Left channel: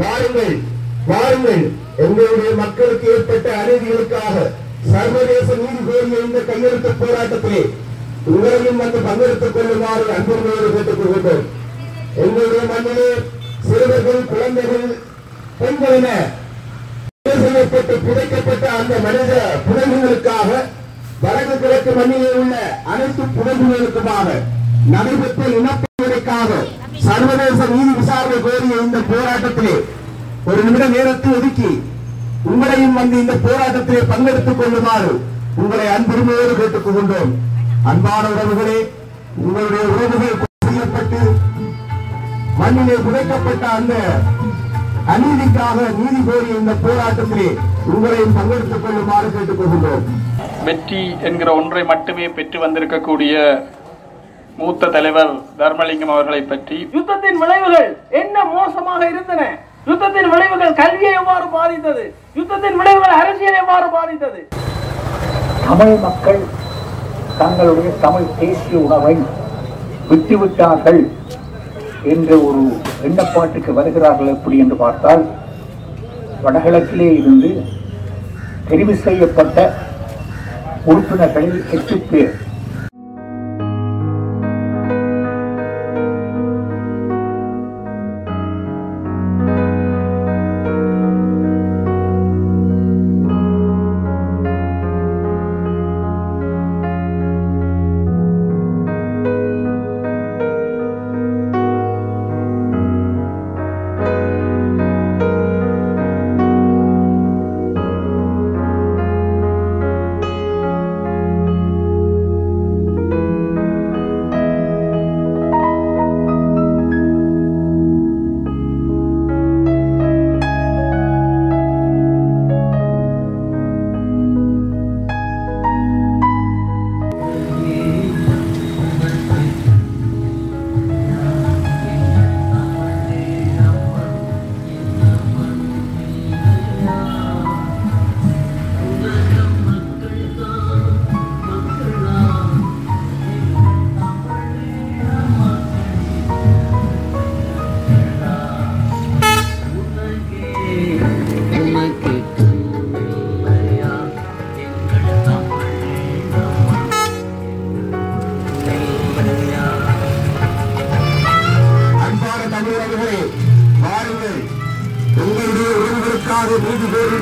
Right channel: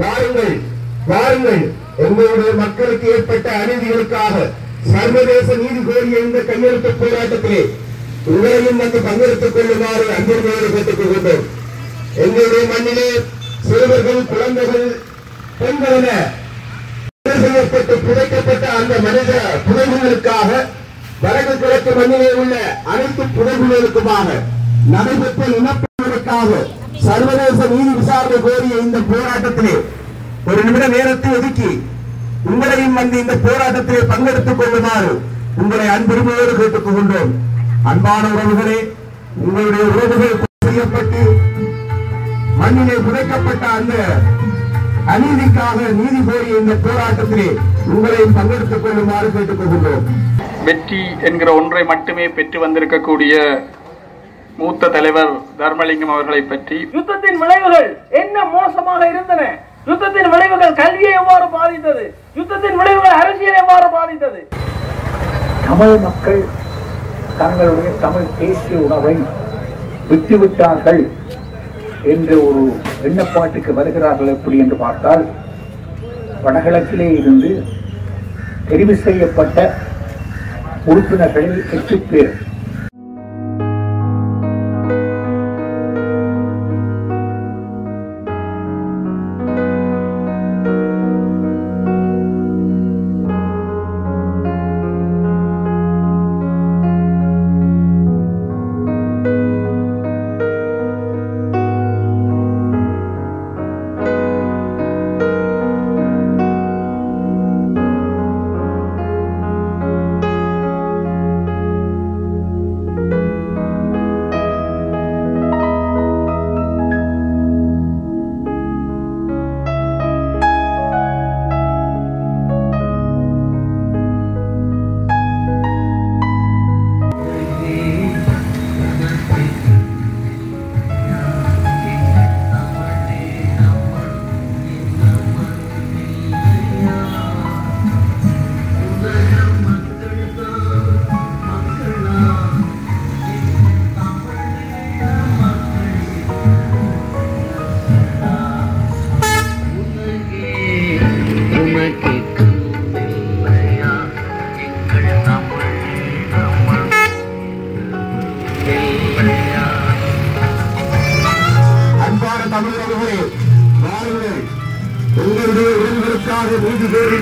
வாருங்கள் வாருங்கள், எங்களுடைய மக்களுக்கு ஏற்பட்ட அநீதிகளுக்காக சர்வதேச நீதி கோரிய இந்த கையெழுத்து போராட்டத்திலே உங்களையும் வந்து பங்கெடுத்துக் கொள்ளுமாறு அன்புரிமையோடு கேட்டுக் கொள்கின்றோம். எங்களுடைய மண்ணிலே சிறுவர்கள், குழந்தைகள், பெண்கள் என செய்யப்பட்டு புதைக்கப்பட்ட அந்த மனித புதைகுகளுக்காக வடக்கு கிழக்கு மண்ணிலே உள்ள அனைத்து புதைகுகளுக்குமாக நடைபெற்ற இனப்படுகொலைக்காக சர்வதேச நீதி விசாரணை கோரிய இந்த போராட்டத்திலே ஒரு நிமிட நேரத்தை ஒதுக்கி உங்களையும் வந்து இந்த போராட்டத்திலே பங்கெடுத்துக் கொள்ளுமாறு உங்களை அன்புரிமையோடு கேட்டுக் கொள்கின்றோம். அன்பான உறவுகளே, உங்களுடைய உறவுகள் செய்யப்பட்டு மண்ணிலே புதைக்கப்பட்ட அந்த அநீதிக்காக நீதி கோரிய இந்த போராட்டத்திலே உங்களையும் பங்கெடுத்துக் கொள்ளுமாறு கேட்டுக் கொள்கின்றோம். வெற்றி என்கிற ஒன்றை மட்டுமே பெற்று வந்திருக்கக்கூடிய மூத்த தலைவர் தர்மலிங்கம் அவர்களை பற்றி, யுத்தத்தின் விளைவுகள் என்ன மோசமாக இருந்தன, யுத்தத்தின் விளைவுகள் கல்வியை எவ்வாறு பாதித்தது, யுத்தத்தின் விளைவுகள் அரசியலை எவ்வாறு பாதித்தது, தமிழ் மக்கள் தங்களுடைய தமிழ் தேசிய உணவை விட்டுவிட்டார்கள் என்ற ஒரு எண்ணப்பாட்டுக்கு வருகிறார்கள் எப்படி என்று பார்த்தால், வடகிழக்கிலே இருந்து தெரிவு செய்யப்பட்ட உறுப்பினர்களில் 8 பேர்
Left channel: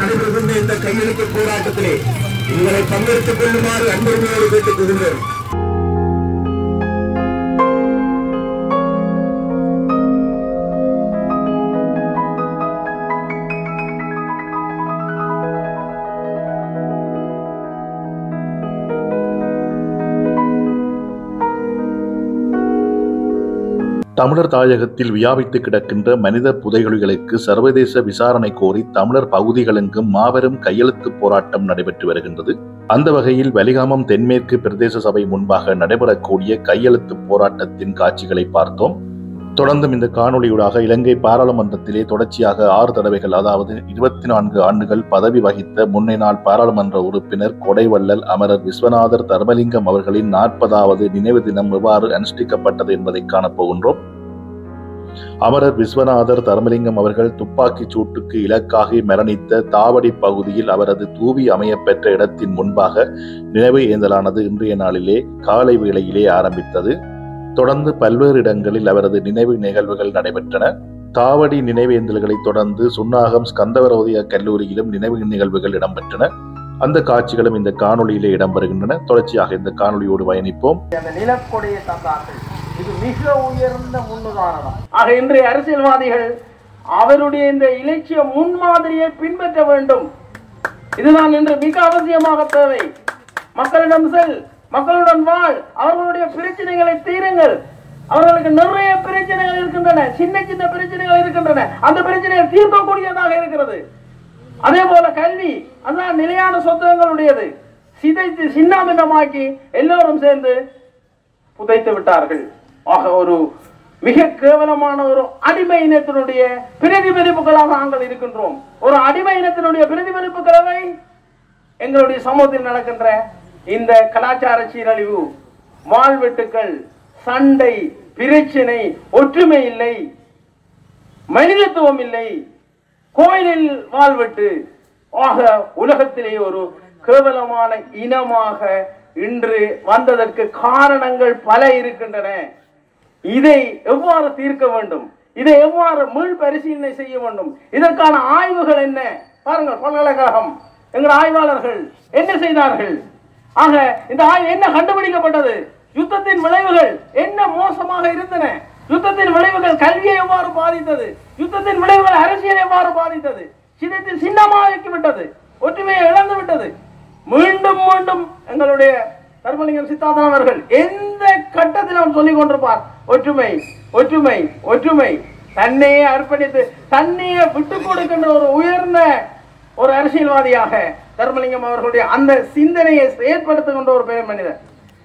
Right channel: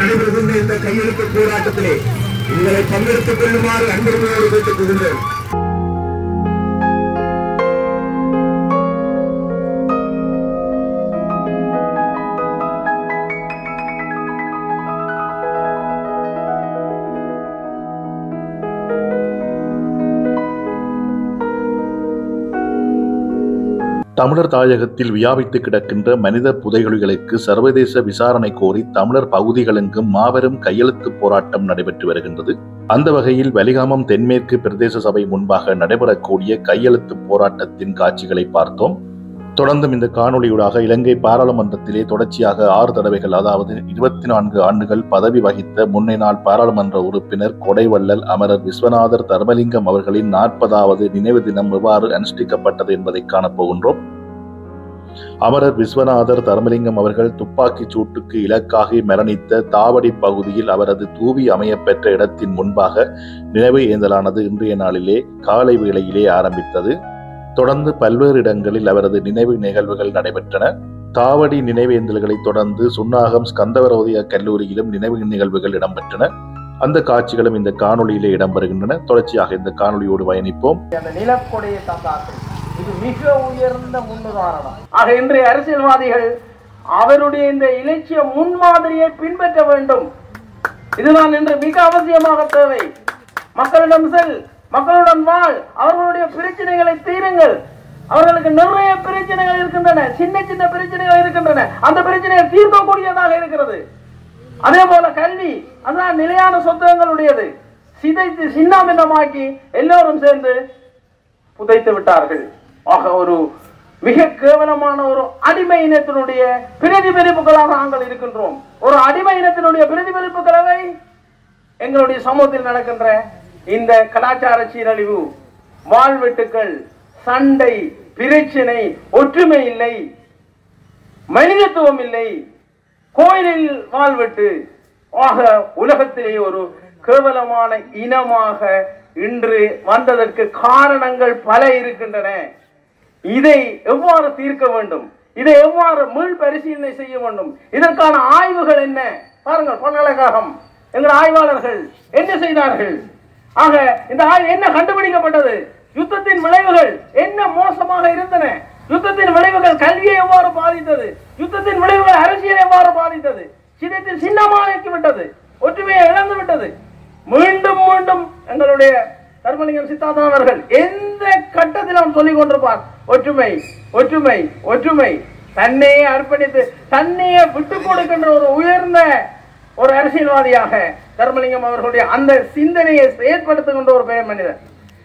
நடைபெறுகின்ற இந்த கையெழுத்து போராட்டத்திலே உங்களை பங்கெடுத்துக் கொள்ளுமாறு அன்புரிமையோடு கேட்டுக் கொள்கின்றேன். தமிழர் தாயகத்தில் வியாபித்து கிடக்கின்ற மனித புதைகுழிகளுக்கு சர்வதேச விசாரணை கோரி தமிழர் பகுதிகளெங்கும் மாபெரும் கையெழுத்து போராட்டம் நடைபெற்று வருகின்றது. அந்த வகையில் வலிகாமம் தென்மேற்கு பிரதேச சபை முன்பாக நடைபெறக்கூடிய கையெழுத்து போராட்டத்தின் காட்சிகளை பார்த்தோம். தொடர்ந்தும் இந்த காணொளியூடாக இலங்கை பாராளுமன்றத்திலே தொடர்ச்சியாக 6 தடவைகள், அதாவது 24 ஆண்டுகள் பதவி வகித்த முன்னாள் பாராளுமன்ற உறுப்பினர் கொடைவள்ளல் அமரர் விஸ்வநாதர் தர்மலிங்கம் அவர்களின் 40வது நினைவு தினம் எவ்வாறு அனுஷ்டிக்கப்பட்டது என்பதை காணப்போகின்றோம். அமரர் விஸ்வநாதர் தர்மலிங்கம் அவர்கள் துப்பாக்கிச் சூட்டுக்கு இலக்காகி மரணித்த தாவடி பகுதியில் அவரது தூவி அமையப்பெற்ற இடத்தின் முன்பாக நினைவு ஏந்தலானது இன்றைய நாளிலே காலை வேளையிலே ஆரம்பித்தது. தொடர்ந்து பல்வேறு இடங்களில் அவரது நினைவு நிகழ்வுகள் நடைபெற்றன. தாவடி நினைவேந்தல்களை தொடர்ந்து சுன்னாகம் ஸ்கந்தவரோதய கல்லூரியிலும் நினைவு நிகழ்வுகள் இடம்பெற்றன. அந்த காட்சிகளும் இந்த காணொளியிலே இடம்பெறுகின்றன. தொடர்ச்சியாக இந்த காணொளியோடு பயணிப்போம். இது மிக உயர்ந்த முன்னுதாரணம். ஆக இன்றைய அரசியல்வாதிகள் அவருடைய இந்த இலட்சிய முன்மாதிரியை பின்பற்ற வேண்டும். இதுதான் இன்று மிக அவசியமாக தேவை. மக்களிடம் செல், மக்களுடன் வாழ், அவர்களுடைய பிரச்சனைகளை தீருங்கள். அவர்களுக்கு நிறைய பிரச்சனைகள் இருக்கின்றன, சின்ன சின்ன பிரச்சனைகள் இருக்கின்றன. அந்த பிரச்சனையை தீர்க்கக்கூடியதாக இருக்கிறது. அதே போல கல்வி, அதான் நிலையான சொந்தங்களுடையது. சிதைத்து சின்னாபின்னமாக்கி எல்லோரும் சேர்ந்து புதைத்து விட்டார்கள். ஆக ஒரு மிக கேவலமான ஒரு அடிமை இனத்தினுடைய பிரதிபலிப்புகளாக நாங்கள் இருக்கின்றோம். ஒரு அடிமை இனத்தினுடைய பிரதிபலிப்புகளை எங்களுடைய சமூகத்தில் நடக்கின்ற இந்த கலாச்சார சீரழிவு, வாழ்வெட்டுக்கள், சண்டை, பிரச்சனை, ஒற்றுமை இல்லை, மனிதத்துவம் இல்லை, கோயிலில் வாழ்வெட்டு ஆக உலகத்திலே ஒரு கேவலமான இனமாக இன்று வந்ததற்கு காரணங்கள் பல இருக்கின்றன. இதை எவ்வாறு தீர்க்க வேண்டும், இதை எவ்வாறு மீள் பரிசீலனை செய்ய வேண்டும், இதற்கான ஆய்வுகள் என்ன? பாருங்கள், பல்கலைக்கழகம் எங்கள் ஆய்வாளர்கள் என்ன செய்தார்கள்? ஆக இந்த ஆய்வு என்ன கண்டுபிடிக்கப்பட்டது? யுத்தத்தின் விளைவுகள் என்ன மோசமாக இருந்தன, யுத்தத்தின் விளைவுகள் கல்வியை எவ்வாறு பாதித்தது, யுத்தத்தின் விளைவுகள் அரசியலை எவ்வாறு பாதித்தது, சிதத்தில் சின்னமாக்கிவிட்டது, ஒற்றுமையை இழந்து விட்டது. மீண்டும் மீண்டும் எங்களுடைய தர்மலிங்கம் சித்தார்த்தன் அவர்கள் எந்த கட்டத்திலும் சொல்லிக் கொண்டிருப்பார், ஒற்றுமை ஒற்றுமை ஒற்றுமை. தன்னையே அர்ப்பணித்து தன்னையே விட்டுக் கொடுக்கின்ற ஒரு உயர்ந்த ஒரு அரசியல்வாதியாக தர்மலிங்கம் அவர்களுடைய அந்த சிந்தனையை செயல்படுத்துகின்ற ஒரு பெரிய மனிதர்.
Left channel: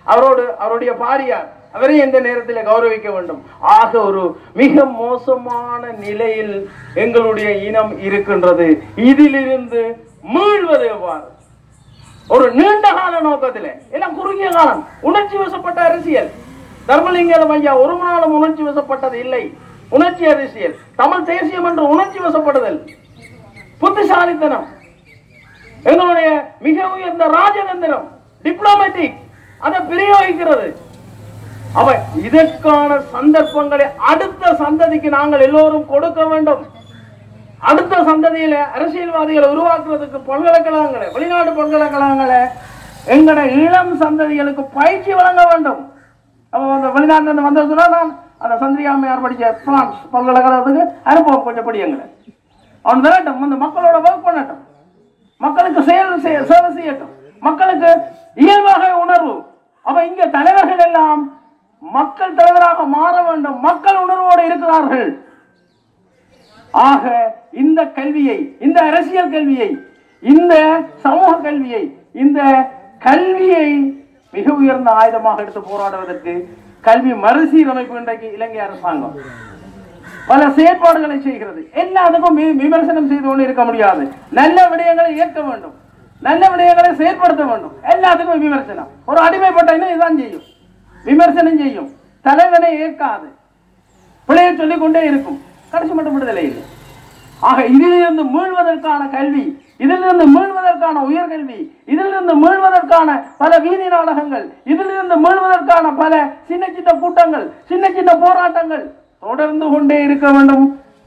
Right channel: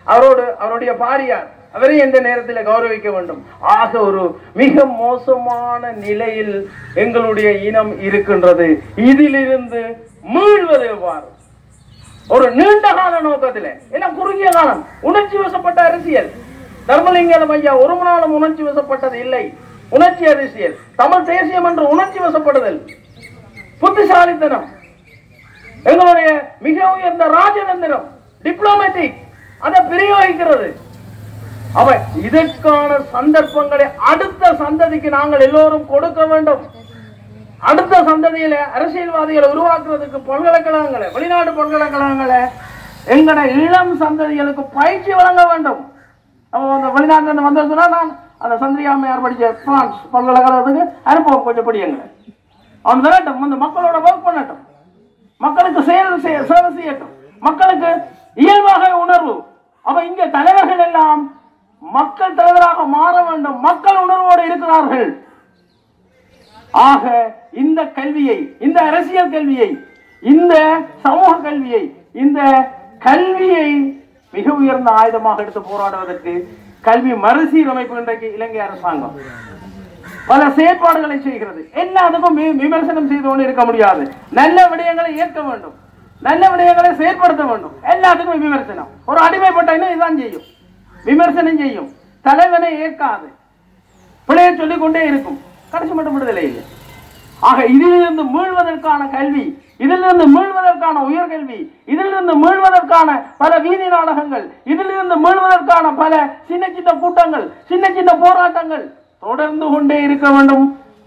அவருடைய பாரியார் அவரை எந்த நேரத்தில் கௌரவிக்க வேண்டும். ஆக ஒரு மிக மோசமான நிலையில் எங்களுடைய இனம் இருக்கின்றது. இதிலிருந்து மீள்வது எவ்வாறு? ஒரு நீண்ட கால நோக்கத்தில், எல்லாம் குறுகிய காலம், உணர்ச்சி வசப்பட்ட அரசியல். தர்மலிங்கம் ஐயா ஒரு நாளும் உணர்ச்சி வசப்பட்டது இல்லை. உணர்ச்சி அரசியல், தமிழ் தேசியம் என்று உணர்ச்சி வசப்படுதல், புத்திசாலித்தனம், எங்களுடைய மிக உயர்ந்த ராஜதந்திரம், டிப்ளமேட்டிக் அதை பிரயோகிக்கிறது. அவ இதற்கான சந்தர்ப்பங்களை அடுத்த சந்ததிக்கு நாங்கள் எல்லோரும் கொடுக்க வேண்டும். அடுத்த சந்ததியில அரசியல்வாதிகளை உருவாக்குறதுக்கு பல்கலைக்கழகங்களை, வெளிநாட்டு பல்கலைக்கழகங்களை எங்கட இளம் சந்ததிகளுக்கு பயிற்சி வழங்க வேண்டும். வெளிநாட்டு வந்ததுன்னா நான் அந்த சந்திரியாமையார் படிச்ச பிரான்ஸ் பல்கலைக்கழகத்துக்கு அனுப்புவோம். கொஞ்சம் படியுங்க, அவன் விரட்டும், அந்த மக்களோட ஒர்க் பண்ணட்டும், மக்களுக்கு சேவை செய்யட்டும், மக்களுக்கு இயல்பாக உணர்வு. அவ இங்க தலைவர்கள் எல்லாம் மக்கள் தலைவராக மாற வேண்டும். மக்கள் உணர்வோடு இருக்கிறார்கள். ஆக இந்த கல்வியை, இந்த அரசியல் கல்வியை, இந்த சமூக கல்வியை, இந்த கல்வியை மிக உயர்ந்த ஆயுதமாக எடுத்து போராடுவதற்கு கல்வி மறுசீரமைப்பு இன்றைக்கு இலங்கை அரசாங்கம் பல செயற்பாடுகளை செய்கிறது. எல்லாத்துக்கும் விமர்சனம் செய்து கொண்டு இருக்க முடியாது. நல்ல விடயங்களை ஏற்க வேண்டும், நல்ல விடயங்களை செயற்படுத்த வேண்டும். எல்லாத்துக்கும் விமர்சனம். ஒரு அடிமைப்பட்ட இன்னும் இதுதான் செய்யும், விமர்சனம் செய்யும், தலைவனை ஏற்காது, பிள்ளையை சொல்லிக் கொண்டே இருக்கும், கடைசி மட்டும் விடுதலை இல்லை. ஆக இதிலிருந்து மீள்வதற்கான கல்வி, இதிலிருந்து மீள்வதற்கான உயர்கல்வி, இதிலிருந்து மீள்வதற்கான பல வீதி நாடகங்கள், இதிலிருந்து மீள்வதற்கான பல சின்ன சின்ன கூட்டங்கள், சின்ன சின்ன போராட்டங்கள் தொடர்ந்து கொண்டே இருக்க வேண்டும்.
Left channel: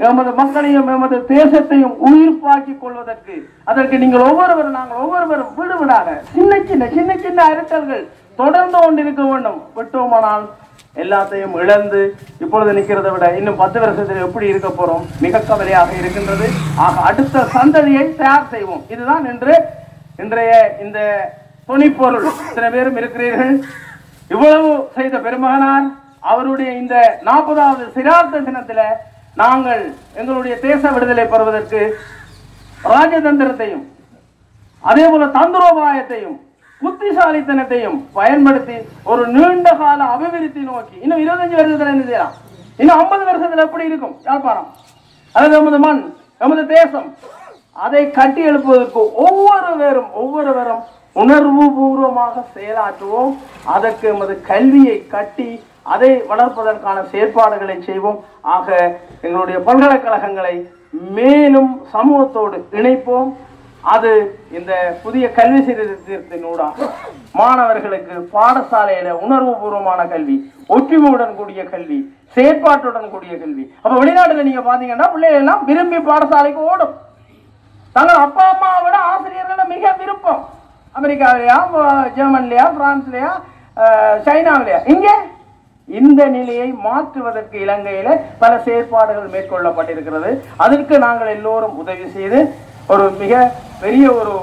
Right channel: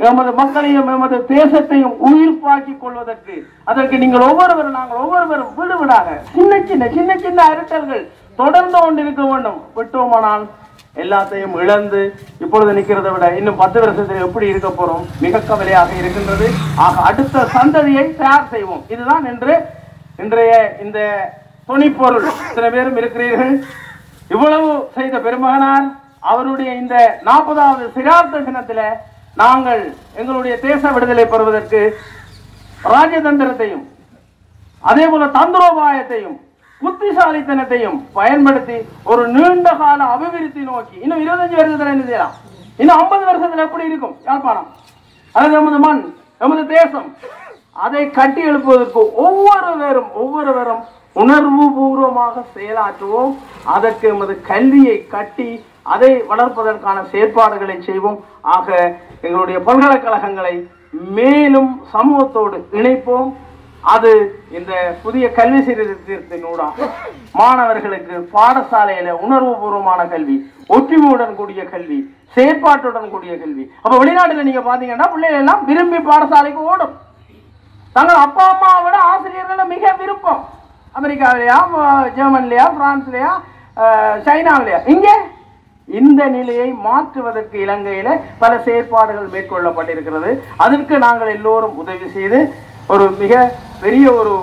எமது மக்களையும் எமது தேசத்தையும் உயிர்ப்பாக்கிக் கொள்வதற்கு அதற்கு நீங்கள் ஒவ்வொருவரும், நாங்கள் ஒவ்வொருவரும் வீடு விடாக சின்ன சின்ன சின்ன சின்ன அரட்டல்கள் தொடர்ந்து கொண்டிருக்க வேண்டும். விட்டோமானால் எல்லாத்தையும் இழந்து இப்பொழுது நிற்கிறதை விட இன்னும் 10 வருஷத்தில் எப்படி இருக்க போறோம், மிக கவலையாக இருக்கின்றது. ஆக அடுத்த சந்ததியை தயார் செய்வோம். இதுதான் இன்றைய இந்த துணிப்பொருள். சில பேரும் இருக்கிறீர்கள். இவ்வளவு செய்த பெருமகனார் அவருடைய இந்த 40வது சிரார்த்த தினத்தில் நாங்கள் எங்களுடைய தேச விடுதலை பெறுவதற்கு ராஜதந்திரத்தையும் அதே போல தந்திரோபாயத்தையும் புத்திசாலித்தனத்தையும் பயன்படுத்தி ஒரு நீண்ட கால அபிவிருத்தி நோக்கி இன்னும் 25 வருஷத்துல என்ன செய்யலாம், இன்னும் 50 வருஷத்துல எப்படி இருக்கும் யாழ்ப்பாணம், அது நமது மண், நமது தேசம், அதை கட்டி எழுப்புவதற்கு ஒவ்வொருவரும் உணர்வு பூர்வமாக செயலாற்றுவோம். அதற்கு நமது கல்வியை கட்டி அதை வளர்ப்பதற்கான செயற்பாடுகளை செய்வோம். ஆக எங்களுடைய பல்கலைக்கழகங்களை மேலும் சமூகத்தோடு இணைப்போம். அது இந்த புதிய கல்வி சீர்திருத்தத்தினூடாக மாணவர்களுக்கு பாடசாலையில உணர்வு பூர்வமான கல்வி, ஒற்றுமையுடன் கூடிய கல்வி, செயற்பாட்டுடன் கூடிய கல்வி. அப்ப வெளிநாட்டுல நீங்க பாத்தீங்கன்னா பிள்ளைகள் எல்லாம் விரும்பி பாடசாலைக்கு ஓடும். தங்கள் அப்பா அம்மாவை விட ஆசிரியர்கள மிக விருப்பம். அமெரிக்காவிலையா, ஜெர்மன்லையா, பிரான்ஸ்லயா, சைனாவிலையா. இங்க இந்த நிலையை மாற்றுவதற்கு இலங்கையில பல செயற்பாடுகள் மேற்கொள்ளப்பட்டிருக்கிறது. அதற்கு நாங்கள் எல்லோரும் உதவி செய்து ஒரு மிக பெரிய ஒரு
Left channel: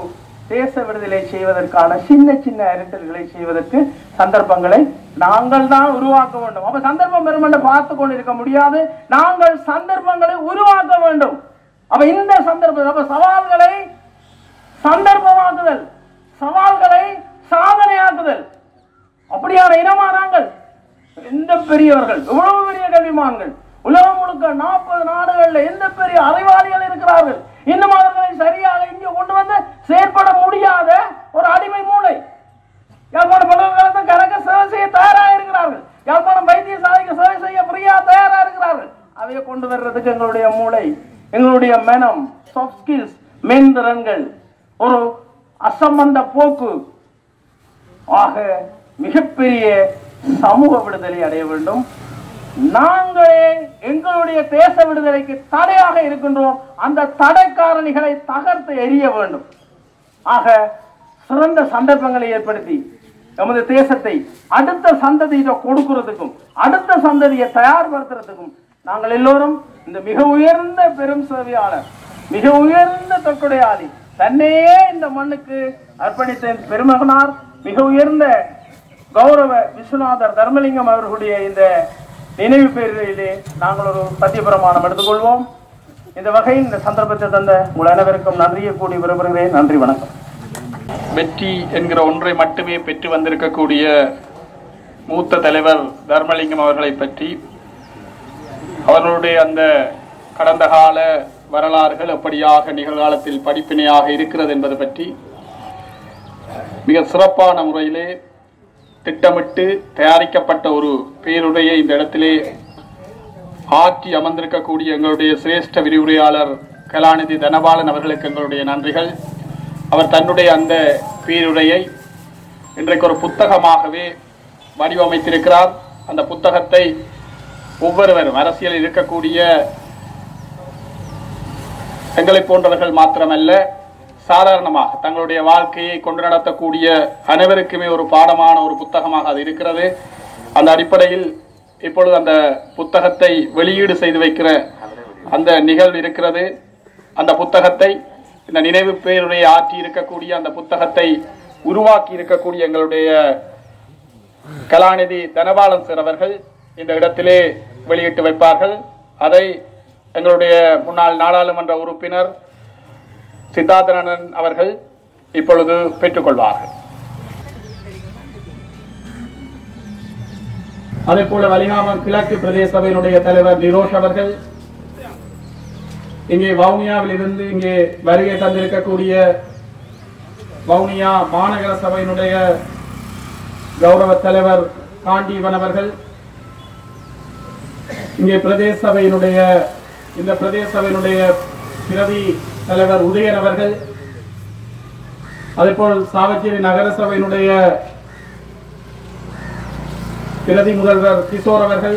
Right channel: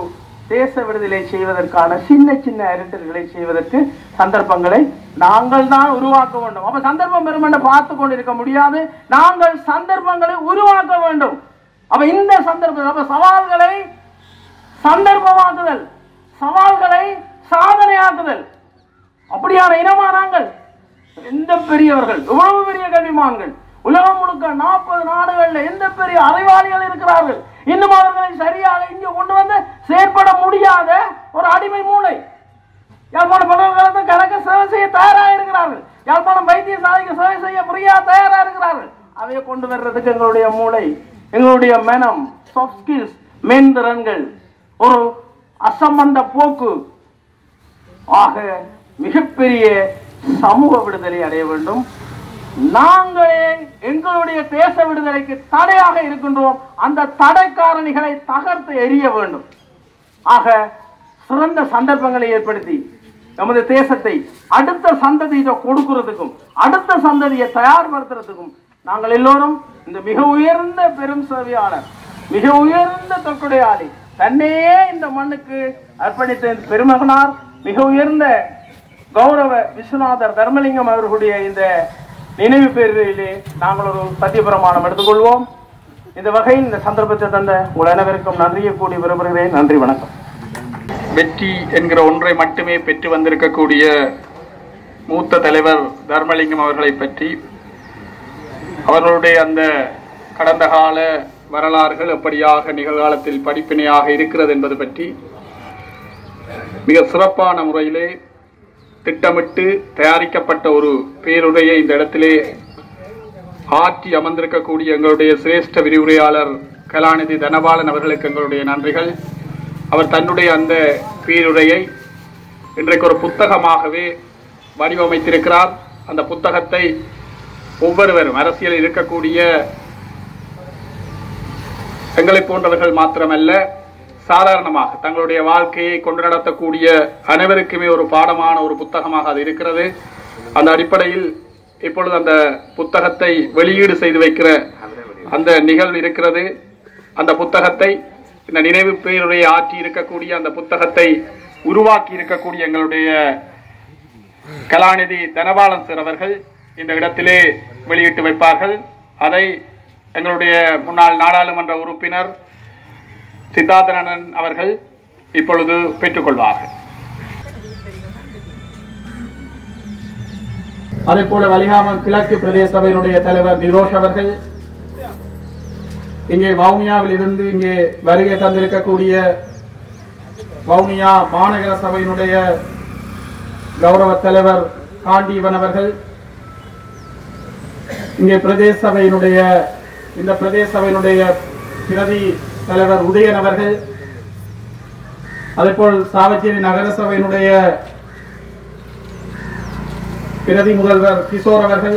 தேச விடுதலை செய்வதற்கான சின்ன சின்ன அரட்டல்களை செய்வதற்கு சந்தர்ப்பங்களை நாங்கள் தான் உருவாக்க வேண்டும். அப்ப சந்தர்ப்பம் பெறும் என்று பார்த்து கொண்டிருக்க முடியாது. நாங்கள் சந்தர்ப்பங்களை உருவாக்க வேண்டும். அப்ப இந்த சந்தர்ப்பம், அப்ப சவால்களை சந்தர்ப்பமாக்குதல், சவால்களை சாதனையாக்குதல். அப்படியான இனமா நாங்கள். எந்த பெரியவர்கள், இவ்வளவு பெரிய கல்விமான்கள் உலகம் முழுக்க 40 நாடுகள்ல எந்த பெரிய அறிவாளிகள் இருக்கிறார்கள். இன்னும் அவர்களை சரியாக இங்கே கொண்டு வந்து செயற்பட முடியாத ஒரு அடிமை மூளை யாழ்ப்பாண பல்கலைக்கழகத்தை கணக்கு சேவை செய்ய தயாராக கொண்டு வர்றதுக்கு எங்களுடைய மூளை, எங்களுடைய மனம், சாஃப்ட் ஸ்கில்ஸ், மேந்திரங்கள், ஒரு அசம்பந்த போக்கு ஆக மிகப்பெரிய சமூக விடுதலை அடைய வேண்டும். நாங்களே எங்களுடைய தேச விடுதலைக்கு தடையாக இருக்கின்றோம். அந்த தடை காரணிகளை தகர்த்து எறிய வேண்டும். ஆக சிறந்த சந்தர்ப்பங்களை ஏற்படுத்தி நமது தேசத்தை அடுத்த சந்ததியை கொடுக்கிறதுக்கும் அடுத்த சந்ததியை தயார்படுத்துறதுக்கும் நாங்கள் எல்லோரும் இந்த மிக உயர்ந்த பெரும் சேவையாளர், மிக உயர்ந்த தொற்கொடையாளி, தன்னையே இந்த மண்ணுக்கு அர்ப்பணித்த பெருமகனார், மிக உயர்ந்த கௌரவ விஸ்வநாதர் தர்மலிங்கம் அவர்களுடைய இந்த நினைவு பேர்களிலே நாங்கள் ஒரு சத்தியபிரமாணம் எடுத்துக்கொள்வோம். இந்த வகையில் இந்த சந்தர்ப்பத்தை தந்த உங்கள் அனைவருக்கும் நன்றியை கூடி விரும்புகிறேன். நன்றி, வணக்கம். வெற்றி என்கிற ஒன்றை மட்டுமே பெற்று வந்திருக்கக்கூடிய மூத்த தலைவர் தர்மலிங்கம் அவர்களை பற்றி, அவர்களுடைய அந்த கடந்த கால வரலாறுகள் எப்படியாக நிகழ்காலத்தில் படிப்பினையாக இருக்கிறது என்பது பற்றி மிக சிறப்பான முறையிலே திட்டமிட்டு தயாரிக்கப்பட்ட ஒரு பேருரையை இந்த இடத்திலே ஆற்றி அமர்ந்திருக்கக்கூடிய எங்களுடைய சிரேஷ்ட விரிவுரையாளர் கலாநிதி தனபாலன் அவர்களுக்கு எங்களுடைய நன்றிகள். அவர் தன்னுடைய அந்த பேருரையை இன்றைக்கு ஒரு புத்தகமாகவே வடிவமைத்திருக்கிறார். அந்த புத்தகத்தை ஒவ்வொருவரும் அரசியலில் இருக்கக்கூடிய எங்களை போன்றவர்கள் மாத்திரமல்ல, சாதாரணமாக தங்களுடைய வாழ்க்கையை கொண்டு நடத்தக்கூடிய அனைவருக்குமே ஒரு பாடமான ஒரு புத்தகமாக அது இருக்கிறது. அந்த அடிப்படையில் இப்பொழுது அந்த புத்தகத்தை வெளியீடு செய்து வைக்கிற அந்த நிகழ்வு இருக்கிறது. அந்த புத்தகத்தை, இந்த நினைவு பேருரையை ஆற்றி இருக்கக்கூடிய அந்த புத்தகத்தை உருவாக்கி இருக்கக்கூடிய எங்களுடைய கலாநிதி தனபாலன் சார் அவர்கள் இந்த இடத்திலே வெளியிட்டு வைப்பார்கள். அதை எங்களுடைய முன்னாள் நாடாளுமன்ற உறுப்பினர் சித்தார்த்தனன் அவர்கள் இப்பொழுது பெற்றுக்கொள்வார்கள். அதே போல வலிகாமம் கிழக்கு பிரதேச சபையினுடைய தலைவர் நிரோஷ் அவர்கள், இங்கே வவுனியாவில் இருந்து இங்கே வருகை தந்திருக்கக்கூடிய வவுனியா மாநகர சபையினுடைய கௌரவ தலைவர் காண்டீவன் அவர்கள், இங்கே பிரதேச சபையினுடைய இந்த பிரதேச சபையினுடைய பிரதி தலைவர் உதயன் அவர்கள், அதேபோல் சாவச்சேரி நகர சபையினுடைய பிரதி முதல்வர் கிஷோர் அவர்கள்,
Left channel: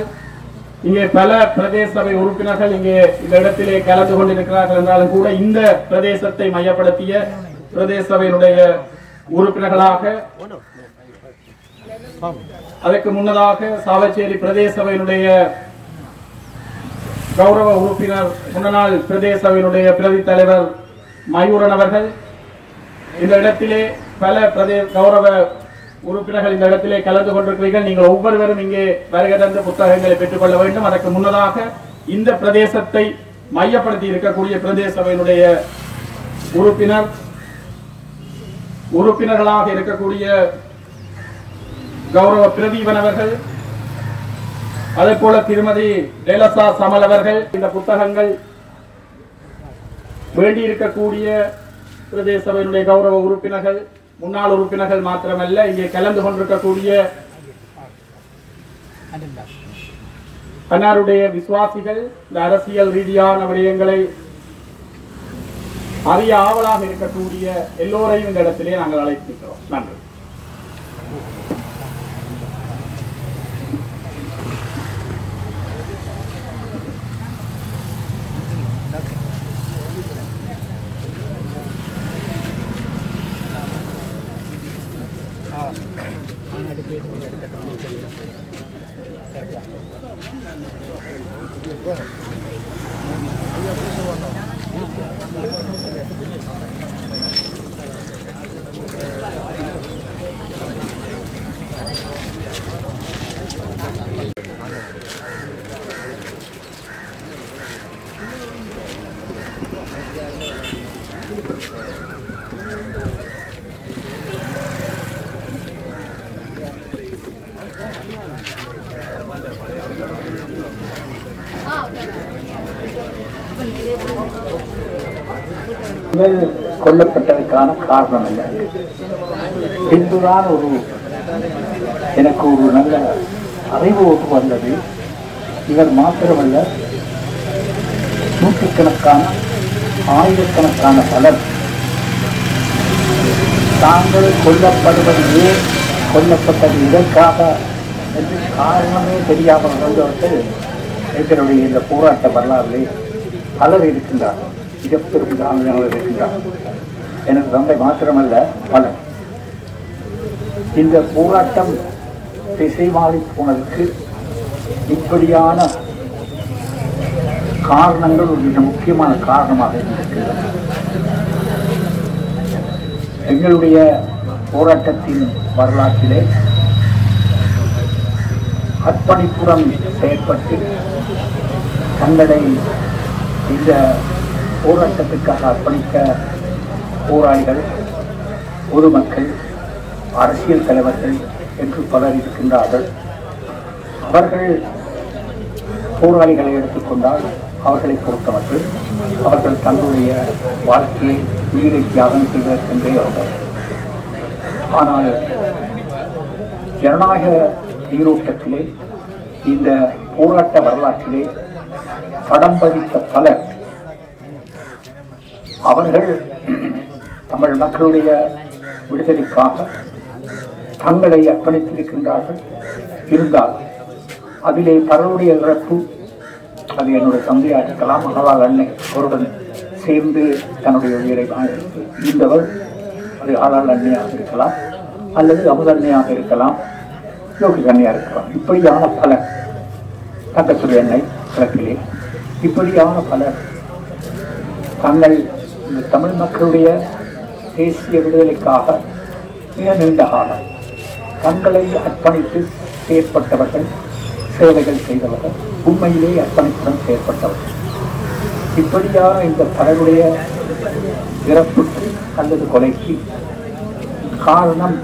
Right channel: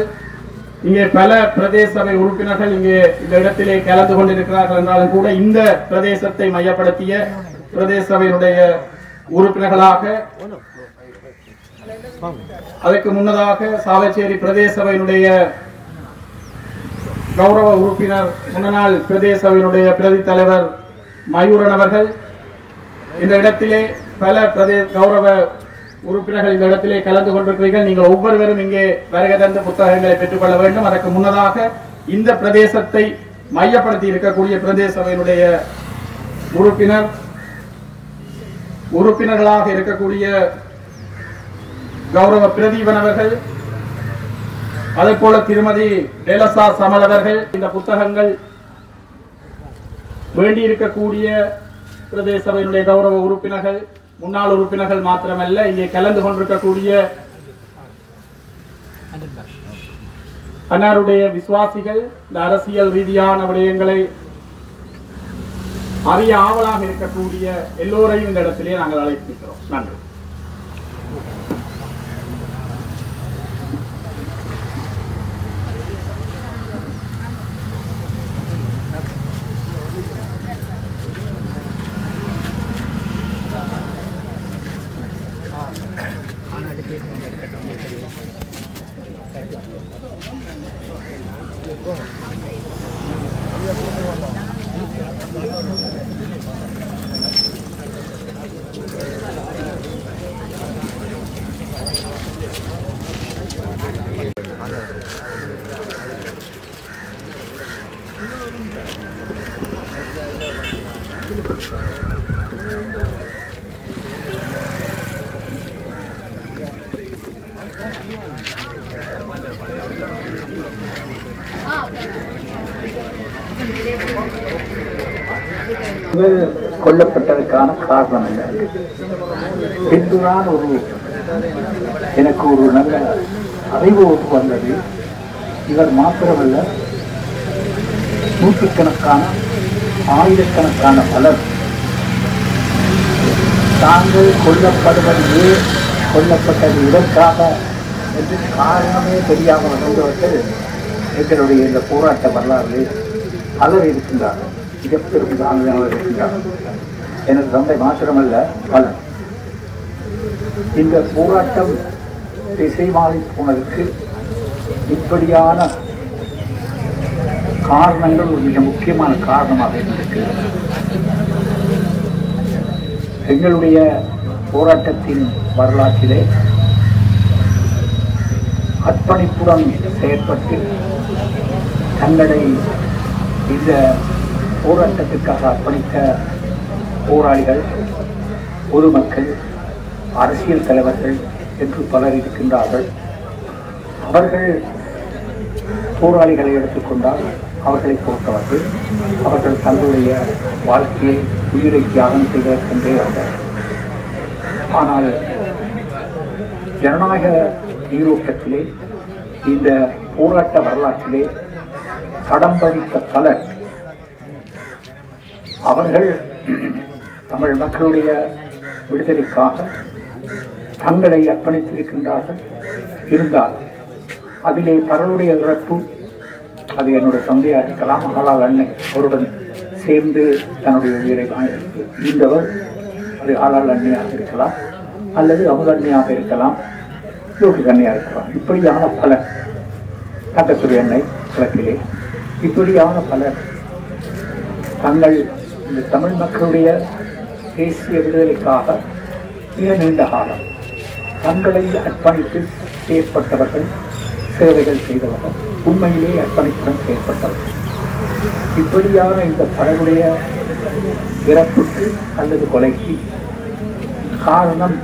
இங்கே பல பிரதேச சபை உறுப்பினர்கள் இங்கே இந்த இடத்திலே கலந்து கொண்டிருக்கிறார்கள் என்றாலும் கூட இந்த பிரதேசத்தை மையப்படுத்திய பிரதேச சபையினுடைய உறுப்பினர்களாக, அதற்கு முன்னதாக சாவச்சேரி பிரதேச சபையினுடைய கௌரவ உறுப்பினர் முன்னாள் பிரதேச சபையினுடைய பிரதி தலைவர் மயூரன் அவர்கள், இந்த இடத்திலே பல பிரதேச கௌரவ உறுப்பினர்கள் இந்த இடத்திலே கலந்து கொண்டிருக்கிறீர்கள். நீங்கள் ஒவ்வொருவரும் இங்கே வருகை தந்த புத்தகங்களை பெற்றுக்கொள்ள வேண்டும். அதற்கு முன்னதாக இந்த பிரதேசத்தை மையப்படுத்தி இருக்கக்கூடிய பிரதேச சபையினுடைய உறுப்பினர்களாக இருக்கக்கூடிய கௌரவ பிரதீபன் அவர்கள், அதே போல திருமதி டேலசா சமல் அவர்கள், இந்த புத்தகங்கள் வேண்டியிருக்கக்கூடிய பிரதேச சபையினுடைய கௌரவ உறுப்பினர்கள், முன்னாள் உறுப்பினர்கள் மாத்திரமல்ல, இங்கே கலந்து கொண்டிருக்கக்கூடிய அன்னாருடைய விசுவாசிகள், இந்த அரசியல் ரீதியான விடயங்களை அறிய ஆவலாக இருக்கக்கூடிய எல்லோரையும் இந்த இடத்திலே நாங்கள் அழைத்திருக்கிறோம். நன்றி. கொல்லப்பட்டதற்கான காரணம் இல்லை. பின்புதான் எனக்கு ஒரு நல்ல அறிவு ஒன்று வந்தது. இவர் மாத்திரமல்ல, நூற்றுக்கணக்கான ஆயிரக்கணக்கான பலர் தாங்கள் கொல்லப்படுவதையே கொல்லப்பட்டது இதற்காக என்று காரணமே தெரியாமல் நடந்தவர்கள் எங்களுடைய இந்த போராட்ட வரலாறு பலர் இருக்கின்றார்கள். மிகப்பெரும் சாதனையாளர் இருக்கின்றார்கள். எனது தந்தை மாத்திரமல்ல, பலர். இந்த போராட்டம் திசை மாறி போனதற்கு இப்படியான காரணங்கள் ஒரு மிக முக்கியமான காரணமாக இருக்கிறது. எங்களுடைய போராட்டத்தின் வரலாற்றிலே அர்ப்பணிப்புடன் செயற்பட்டு தங்களை இந்த போராட்டத்திற்காக அர்ப்பணித்த போராளிகள், பொதுமக்கள், அரசியல் தலைவர்கள் என்று பலர் இருக்கின்றார்கள். அவர்கள் போராளிகளை எடுத்துக்கொண்டால் அவர்களை பொறுத்தவர்கள் அவர்கள் தங்களுடைய வாழ்க்கையை உயிரை தியாகம் செய்வதற்கென்றே வந்தார். ஆனால் ஜனநாயக நீரோட்டத்திலே இந்த போராட்ட வரலாற்றிலே படம் பதித்த பலர் அவர்கள் தமிழ் மக்களுடைய விடுதலைக்காக தங்களை அர்ப்பணித்திருக்கின்றார்கள். இருந்தால் அதிலே பலருடைய இறப்பு, அது என்னுடைய தந்தையாக இருக்கலாம், ஆனால் அன்னை அவருடன் சேர்ந்து தன்னுடைய உயிரை இருந்தவர், அது ஆளால் அன்னையாக இருக்கலாம், அல்லது அமுதன்னையாக இருக்கலாம், யோகி அன்னையாக இருக்கலாம். இப்படியான பலர், தங்கத்துறை அன்னை கிழக்கிலே, இப்படியான பலர் தங்கள் இந்த தமிழ் மக்களுடைய தேசிய விடுதலைக்காக மிக நீண்ட காலம் தங்களை அர்ப்பணித்து செயற்பட்டவர்கள், சேவைகள் செய்தவர்கள், உண்மையிலே அர்ப்பணிப்புடன் செயற்பட்டவர்கள். இப்படியான இந்த பலருடைய இறப்புக்கு அல்லது கொலைக்கு காரணம்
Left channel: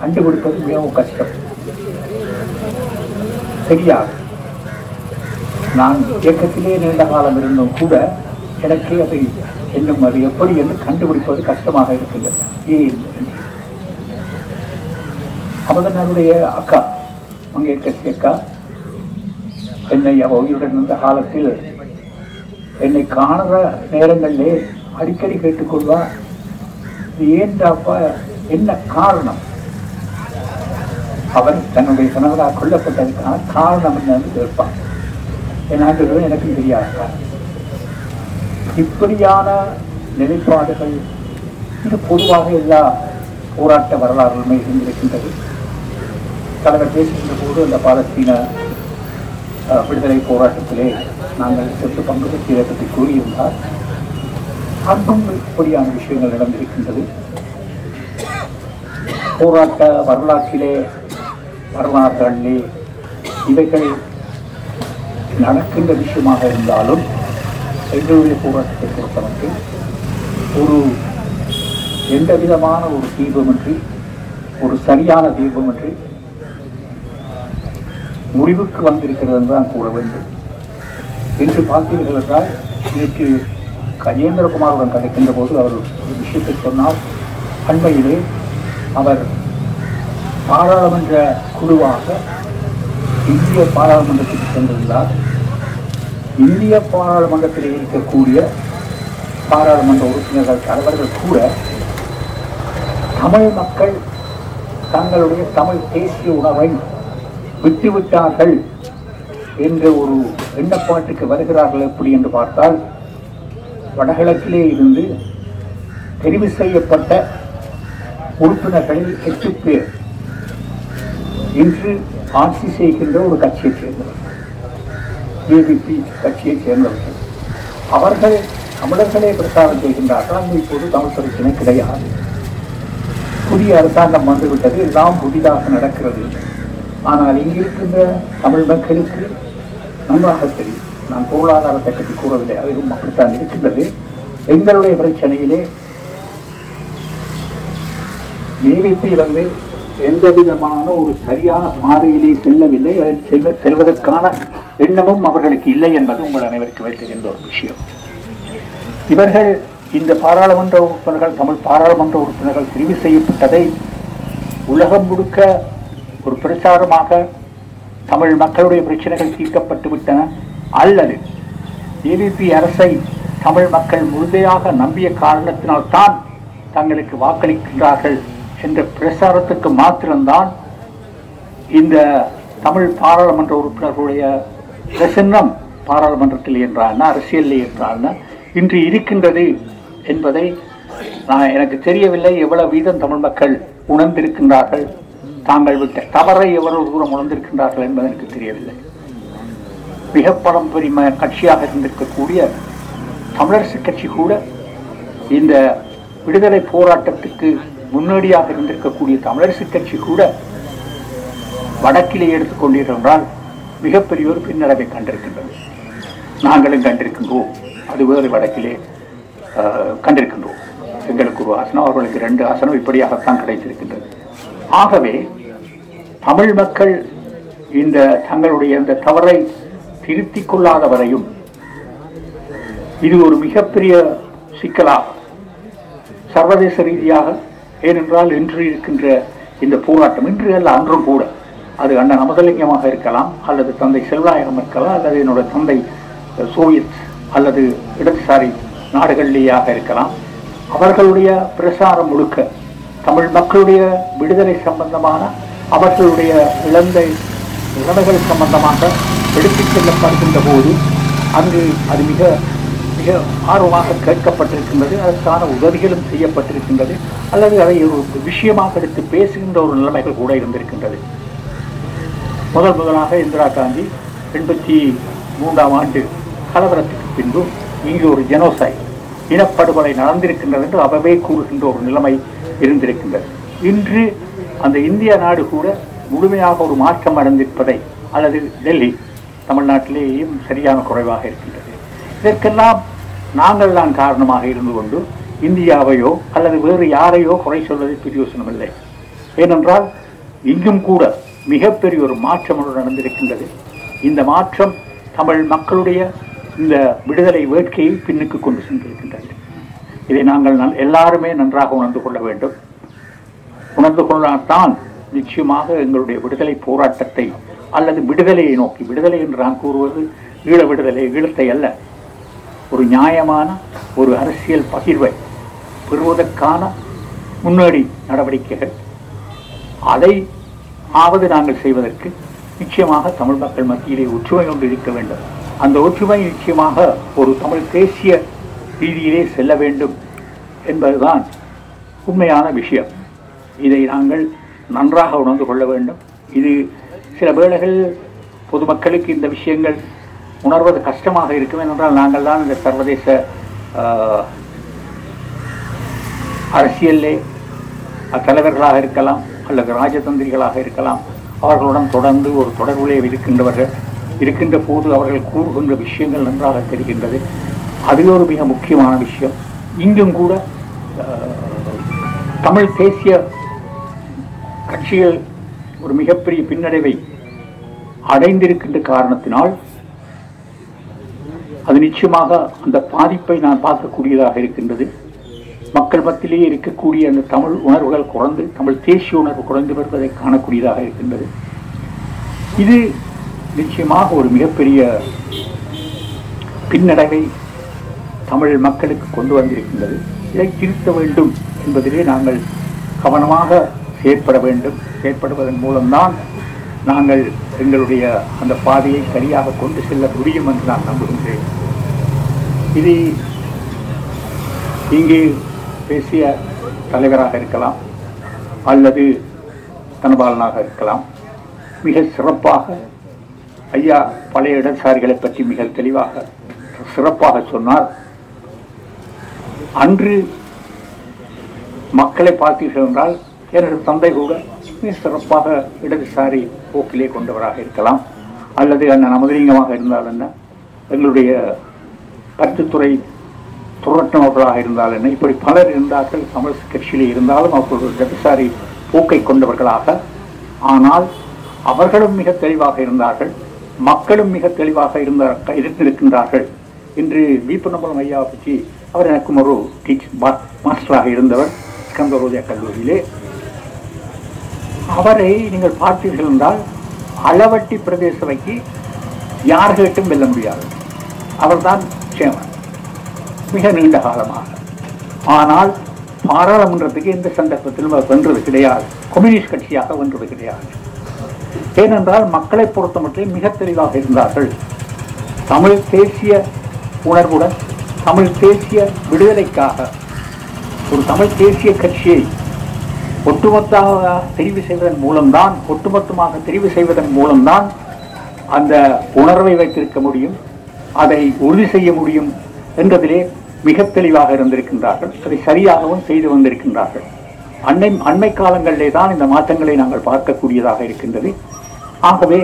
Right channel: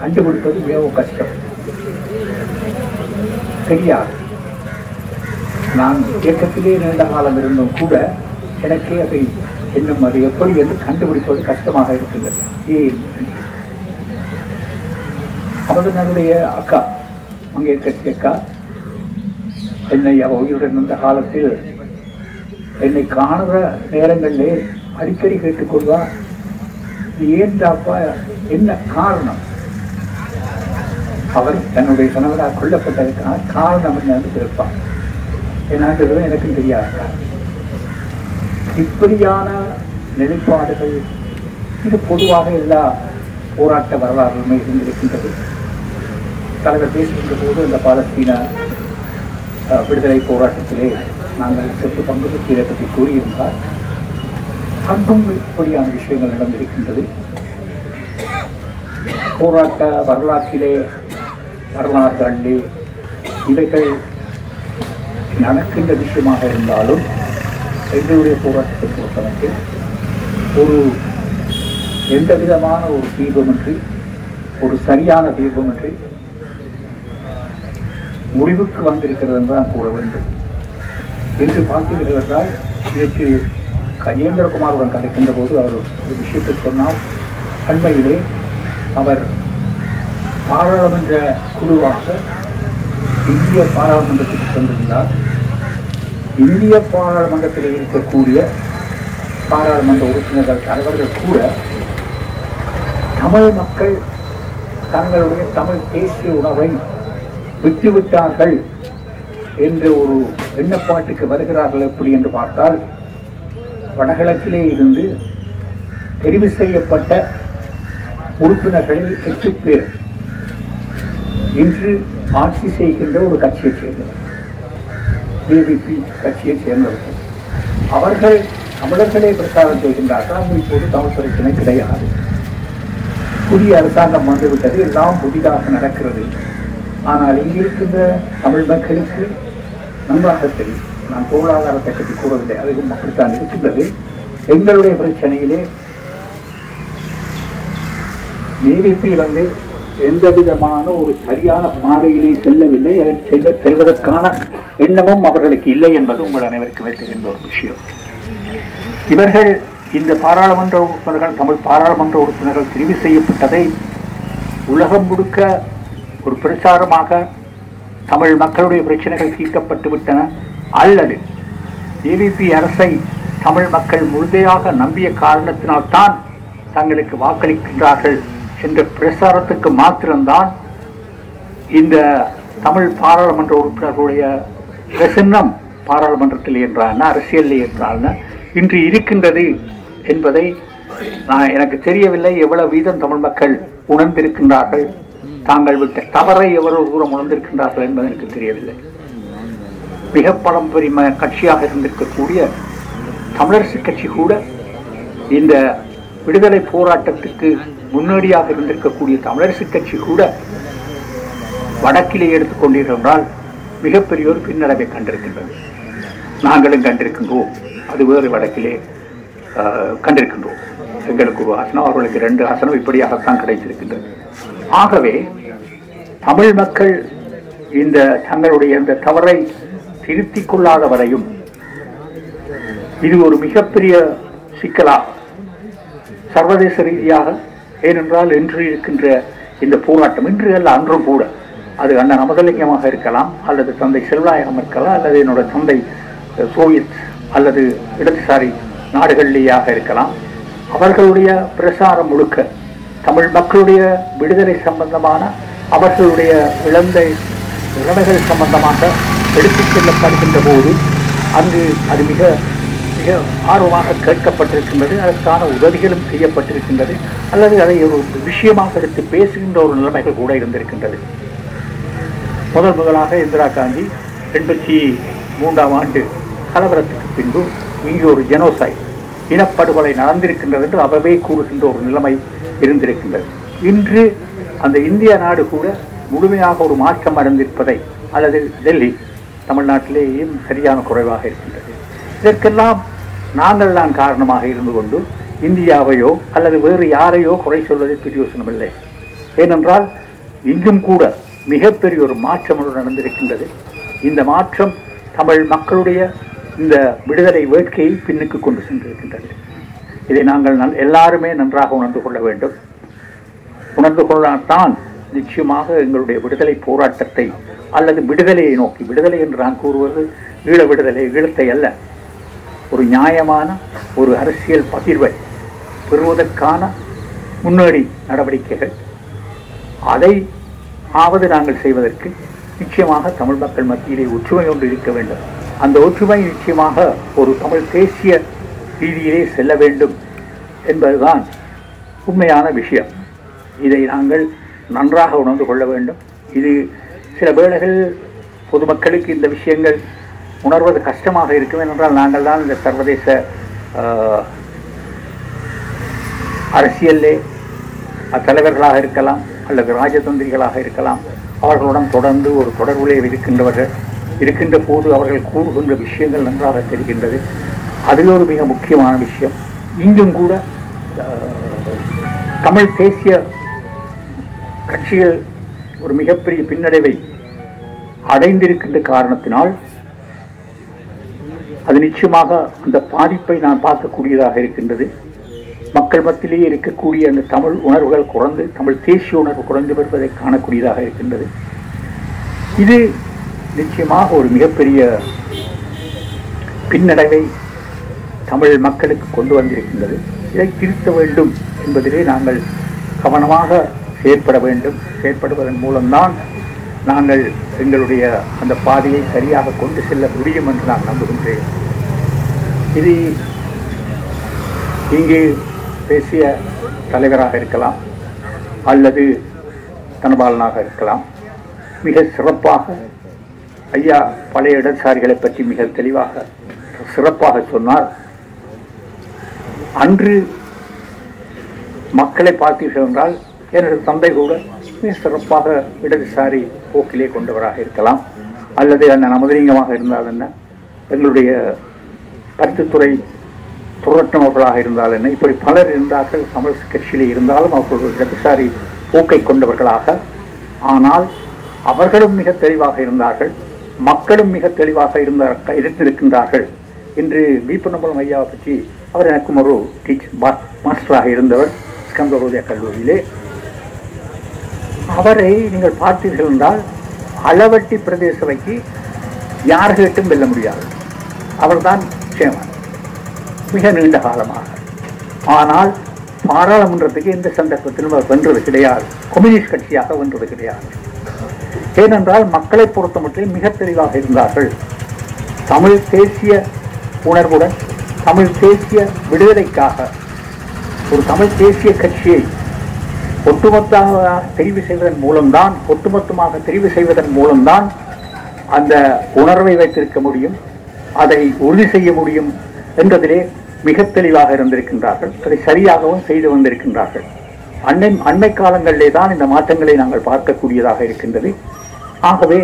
கண்டுபிடிப்பது மிகவும் கஷ்டம், தெரியாது. நான் இயக்கத்திலே நீண்ட காலம் இருந்தும் கூட எனக்கு அதை இன்னும் அது எப்படி என்று கண்டுபிடிப்பது கஷ்டமாக இருக்கின்றது. ஏன் அவருடைய அக்கா மங்கேற்கட்சி அக்கா என்னை உயிருடன் இருந்த காலத்தில் என்னை காணுற நேரங்களிலே அடிக்கடி கேட்டுக்கொள்வார், ஏன்டாப்பா, என்ன காரணம்? அவர் தன்னுடைய கணவராக கொல்லப்பட்டதற்கான காரணம் என்னன்னு கேட்பார். என்னான்றது எனக்கும் தெரியாது. இப்படியான நிலைப்பாடுகள் இது பொதுவாக எல்லா போராட்ட வரலாறுமே இருந்திருக்கின்றது. தலைவர் பேசுகின்ற போது அந்த பாலஸ்தீன விடுதலை போராட்டத்திலே நாங்கள் சொத்து பங்கு பற்றியை பற்றி கூறியிருந்தால் அன்றும் இப்படியான விஷயங்கள் நடந்திருக்கின்றது. போராட்ட வரலாற்றிலே வரலாற்றிலே இவைகள் நடக்கின்ற விஷயமாக இருந்தாலும் எங்களுடைய போராட்டத்தை பொறுத்தவரைக்கு ஒரு எந்த விதமான ஒரு தீர்வுமின்றி, ஒரு சரியான தீர்வுமின்றி முடிவுக்கு வந்திருக்கிறது என்றுதான் கூற வேண்டும். இன்று பார்த்தீர்கள் என்றால், நேற்று கஜேந்திரகுமாருடன் கதைக்கின்ற போது அவர் ஒரு விஷயத்தை சொன்னால், அண்மையிலே அவர் பாராளுமன்ற குழுவாக இந்திய பாராளுமன்றத்துக்கு சென்றிருந்தார். இந்திய பாராளுமன்றத்தில் இருக்கக்கூடிய பாராளுமன்ற உறுப்பினர்கள் தலைவர்கள் கூட தமிழ் மக்கள் தங்களுடைய தமிழ் தேசிய உணவை விட்டுவிட்டார்கள் என்ற ஒரு எண்ணப்பாட்டுக்கு வருகிறார்கள். எப்படி என்று பார்த்தால், வடகிழக்கிலே இருந்து தெரிவு செய்யப்பட்ட உறுப்பினர்களில் 8 பேர் இன்று ஆட்சி செய்கின்ற ஒரு கட்சியைச் சேர்ந்தவர், ஏபிபி கட்சியைச் சேர்ந்தவர்கள். அவர்கள் தமிழர்களே பிரச்சாரம் செய்கின்றார்கள். அங்கு இப்போது தமிழ் பிரச்சனை கிடையாது, புதிய அரசாங்கம் வந்துவிட்டது, எல்லாம் புதிதாக நடக்கிறது. ஆனால் இங்கிருக்கின்ற தமிழ் மக்களுக்கு நன்றாக தெரியும். நான் பொருளாதாரத்தை பற்றி கூறவில்லை, அதுவும் அப்படித்தான் இருக்கின்றது. எங்களுடைய பிரச்சனையிலே ஏபிபி வந்து எந்த விதமான ஒரு சரியான பாதையிலே செல்லவில்லை, செல்வதற்கான எண்ணமும் அவர்களுக்கு இல்லை என்பது உங்கள் அனைவருக்கு வைக்கின்ற ஒரு விஷயம். இவர்கள் இந்த பாராளுமன்ற உறுப்பினர்கள், தமிழ் பாராளுமன்ற உறுப்பினர்கள் தெரிவு செய்யப்பட்டதை உலகம் முழுக்க ஒரு பிரச்சாரமாக தமிழ் மக்களுடைய பிரச்சனைகள் தீர்க்கப்பட்டு விட்டன, அல்லது ஏவிபி அரசை தமிழ் மக்கள் முழுமையாக நம்பிய காரணத்தினால்தான் தங்களுக்கு வாக்களிக்கின்றார்கள் என்ற பிரசாரத்துக்கு மாத்திரம்தான் இந்த தமிழ் பாராளுமன்ற உறுப்பினர்களுடைய பிரசன்னம் பாராளுமன்றத்தில் என்றால் அரசியலில் என்றால் இன்று இருக்கின்றது என்பதை எனக்கு தெரியவில்லை. எவ்வளவு வீதம் தமிழ் மக்கள் உணர்ந்திருக்கின்றார்கள், தாங்கள் விட்ட தவறை எவ்வளவு தூரம் உணர்ந்திருக்கின்றார்கள் என்பது எனக்கு தெரியவில்லை. மிக பரம்பரிய கட்சியாக இருந்திருக்கக்கூடிய தமிழரசு கட்சி கூட, இந்த விடுதலை போராட்டத்துக்கு முன்னோடியாக இருந்திருக்கக்கூடிய தமிழரசு கட்சி கூட வடக்கிலே எடுத்துக்கொண்டிருந்தால் மிகப்பெரிய ஒரு பின்னடைவை கண்டிருக்கின்றது. நாங்களும் கண்டிருக்கின்றோம். அது வேறு வடக்கிலே கண்டிருக்கின்றோம். எங்களுக்கு ஒரு ஆசனம், அவர்களுக்கு 2 ஆசனம், இப்படியாகத்தான் கிடைத்திருக்கின்றது. ஆகவே தமிழ் மக்கள் இந்த தங்களுடைய இந்த தவறை திருத்திக் கொள்ளாத வரையும் இது ஒரு மிகப்பெரிய சிக்கலா சர்வதேச ரீதியாக, ஏனென்றால் இன்று இருக்கின்ற இந்த போராட்டம், இன்று அல்ல அன்றும் கூட, அது அண்ணன் அமதலிங்கமாக இருக்கலாம், அல்லது தந்தை செல்வாயகம் இருக்கலாம், அல்லது என்னோட தந்தை சோவியத் அல்லது இடதுசாரி நாடுகளிலேயாக இருக்கலாம், அவர்களுடைய பிரசாரம் முழுக்க தமிழ் மக்களுடைய விடுதலை சம்பந்தமான, அவர்களுடைய இழந்த உறவுகள் சம்பந்தமாக எடுத்துச் செல்லப்படுகின்ற போது அங்கு அது மிக மிக ஆர்வமாக கேட்கப்பட்டிருக்கின்றது. அதற்கான உதவிகளும் செய்யப்பட்டிருக்கின்றது, அல்லது அதை ஒரு விஷயமாக எடுத்து பேசுகின்ற ஒரு நிலைமைகள் கூட இருந்திருக்கின்றது. முதலாக இந்திரா காந்தி 2003ஆம் ஆண்டு கலவரத்துக்கு பின்பு இங்கு ஒரு ஜெனோசைட், இனப்படுகொலை நடந்திருக்கின்றது என்று அவவே கூறுகின்ற ஒரு நிலைமை இருந்திருக்கின்றது. இன்று அந்த இந்திய நாடு கூட முழுமையாக ஒரு மாற்றம் அடைந்திருப்பதை, அல்லது டெல்லி தமிழ்நாட்டிலேயும் சரியான குறைவாக இருக்கின்றது. இதற்கெல்லாம் நாங்கள் தான் காரணமாக இருந்து கொண்டு இந்தியாவையோ அல்லது வேறு யாரையோ குறை சொல்வதை பிரயோசனமில்லை. ஏனென்றால் இங்கும் கூட மிகப்பெரிய ஒரு மாற்றம் நடந்திருக்கின்றது. இந்த மாற்றம் தமிழ் மக்களுடைய இந்த விடுதலை வேட்கையை பின்னுக்கு கொண்டு சென்றிருக்கின்றது. இதை நாங்கள் எல்லாருமே நன்றாக உணர்ந்து கொள்ள வேண்டும். உணர்ந்து கொள்ளத்தான் நிச்சயமாக எங்களுடைய விடுதலை போராட்டத்தை, அல்லது விடுதலையை நோக்கி, விடுதலை என்று நான் கூறுவது ஈழ விடுதலை, ஈழத்தை அல்ல, ஒரு நியாயமான ஒரு அரசியல் பகிர்வை பெறுவதற்கான முன்னோடி நடவடிக்கைகள், அதை ஆவது நாங்கள் செய்வதற்கு நிச்சயமாக தமிழ் மக்கள் மத்தியிலே ஒற்றுமை ஒன்று இருக்க வேண்டும். அந்த ஒற்றுமை நிச்சயமாக ஒரு தமிழ் தேசிய ரீதியிலே செல்ல வேண்டும் என்பதுதான் உண்மையான விஷயம். இதை நாங்கள் நன்றாக உணர்ந்து கொள்ள வேண்டும். இது சில வேளைகள் பொதுமக்களுக்கு இந்த விஷயங்கள் உணர்வது கஷ்டமாக இருக்கும். என்றால் நாங்கள் தான் இந்த சர்வதேச அரசியலே தலைவர்களாக இருக்கலாம், அல்லது ராஜதந்திரிகளாக இருக்கலாம், அவர்களுடன் தொடர்ந்து ஒரு தொடர்புலே இருக்கின்ற போது அவர்கள் கூறுகின்ற விஷயங்கள் நன்றாக தெரிகின்றது. அது ஒரு மிக முக்கியமான விஷயம். இங்கும் கூட தமிழ் தேசிய கட்சிகள் ஒரு மிகப்பெரிய பின்னடைவை அடைந்திருக்கின்ற காரணத்தினால் அது நிச்சயமாக அந்த பாதிப்பை நான் பார்க்கக்கூடியதாக இருக்கின்றது. மக்கள் மத்தியிலேயே இருக்கக்கூடிய அந்த தமிழ் உணர்வுகள் குறைந்து, தமிழ் தேசிய உணர்வு குறைந்து வருவதை காணக்கூடியதாக இருக்கின்றது. இது நிச்சயமாக ஒரு மிகப்பெரிய பின்னடைவை தமிழ் மக்களுக்கு கொண்டு வந்திருக்கின்றது. இதை திருத்த வேண்டும் என்பதிலே நாங்கள் கவனமாக செயற்பட வேண்டும். செயற்படுவதன் மூலம்தான் நாங்கள் எங்களுடைய அந்த பாதையை சரியாக கொண்டு செல்ல முடியும் என்று நான் நம்புகின்றேன். இது இங்கே பேசிய தலைவராக இருக்கலாம், அல்லது தனபாலனாக இருக்கலாம், மிக சிறப்பாக ஐயா பழைய இடதுசாரிகளை பற்றி மிக தெளிவாக சிறப்பாக சொன்னார். அன்று மக்களை பார்த்தீர்கள் என்றால் எனது தந்தை கூட மிக சிறப்பாக இடதுசாரி போக்கிலே கொண்டவராக இருக்கலாம், அல்லது அந்த நமதலிங்கமாக இருந்தால் என்ன, எங்களுடைய கருத்துத்துறை துரட்டினவர்களாக இருந்தால் என்ன, இப்படி பலர் இருந்தார்கள். தமிழ் கட்சியிலே இருந்தாலும் அவர்கள் இடதுசாரி போக்கை கொண்டவர்களாக. ஆனால் அவர்களும் மிக தெளிவாக இருந்தார்கள், மக்களும் மிக தெளிவாக இருந்திருக்கின்றார்கள். இன்று வீப்பநம்பலம் ஐயாவை பற்றி, அவர் எனக்கும் ஒரு மாஸ்டராக இருந்தவர் ஸ்கந்தரோதய கல்லூரியிலே. அவரை நீங்கள் பார்த்தீர்கள் என்றால் அளவட்டி பிரதேச வைக்கு யார் கேட்டும் வெல்ல முடியாது. அவர்தான் சேமன் மிக நீண்ட காலமாக. ஆனால் பாராளுமன்றத்துக்கு எந்த சந்தர்ப்பத்திலும் அவர் வென்றது கிடையாது, கம்யூனிஸ்ட் கட்சியாக வென்றது கிடையாது. ஏனென்றால் மக்களை பொறுத்த மட்டும் மிக தெளிவாக இருந்தார்கள். தமிழ் தேசிய உணர்வுடன் தமிழ் தேசிய விடுதலைக்காக ஒரு தமிழ் தேசிய கட்சியை ஒட்டுமொத்தமாக தெரிவு செய்வதன் மூலம்தான் அந்த உணர்வை வைத்திருக்க முடியும், அதை உறுதி செய்ய முடியும் என்பதிலே மிக தெளிவாக இருந்திருக்கின்றார்கள். அதை சரியாகவும் செய்து வந்திருக்கின்றார்கள். அண்மை காலங்களிலே தான் இந்த மாற்றங்களை நாங்கள் பார்க்கக்கூடியதாக இருக்கின்றது. ஆகவே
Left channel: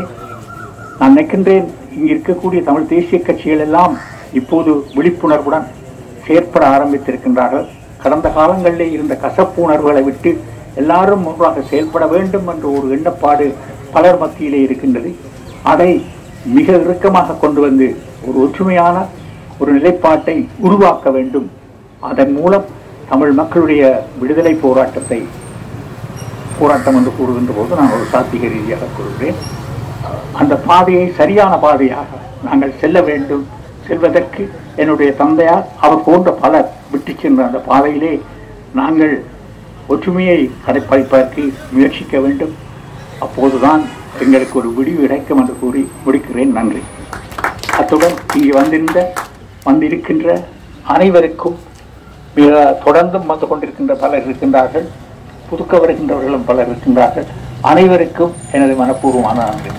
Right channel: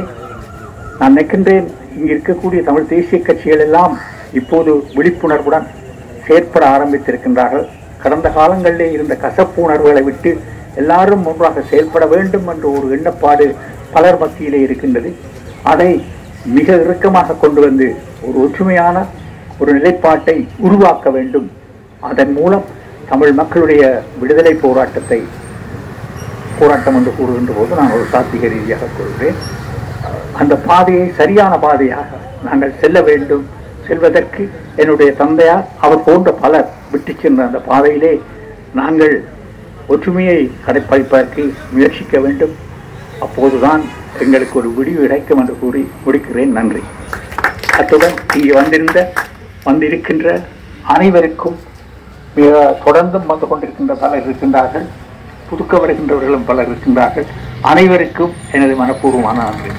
நான் நினைக்கின்றேன், இங்கு இருக்கக்கூடிய தமிழ் தேசிய கட்சிகள் எல்லாம் இப்போது விழிப்புணர்வுடன் செயற்பட ஆரம்பித்திருக்கின்றார்கள். கடந்த காலங்களிலே இருந்த கசப்பு உணர்வுகளை விட்டு எல்லாரும் ஒன்றாக செயல்பட வேண்டும் என்ற ஒரு எண்ணப்பாடு பலர் மத்தியிலே இருக்கின்றது. அதை மிக இறுக்கமாக கொண்டு வந்து ஒரு ஒற்றுமையான ஒரு நிலைப்பாட்டை உருவாக்க வேண்டும். அதன் மூலம் தமிழ் மக்களுடைய விடுதலை போராட்டம் என்று கூறுகின்ற போது நான் ஒரு சாத்திக ரீதியாக கூறுகிறேன். அந்த பாதையை சரியான பாதையாக நாங்கள் செல்ல வேண்டும். செல்வதற்கு என்னுடைய தந்தையார் அவர் போன்ற பலர் விட்டு சென்ற அந்த பாதையிலே நாங்கள் ஒற்றுமையை கடைப்பிடிப்பதற்கு முயற்சிக்க வேண்டும். அப்போதுதான் எங்களுக்கு ஒரு விடிவு கிடைக்கும் என்று கூறி முடிக்கிறேன். நன்றி. அத்துடன் இங்கே வந்திருக்கின்ற அனைவருக்கும் மிக தொடர்ந்தும் வந்து கொண்டிருக்கின்ற பலர் இருக்கின்றார்கள், புதுக்க வருகின்றவர்களும் பலர் இருக்கின்றார்கள். அனைவருக்கும் எனது மனப்பூர்வமான நன்றி.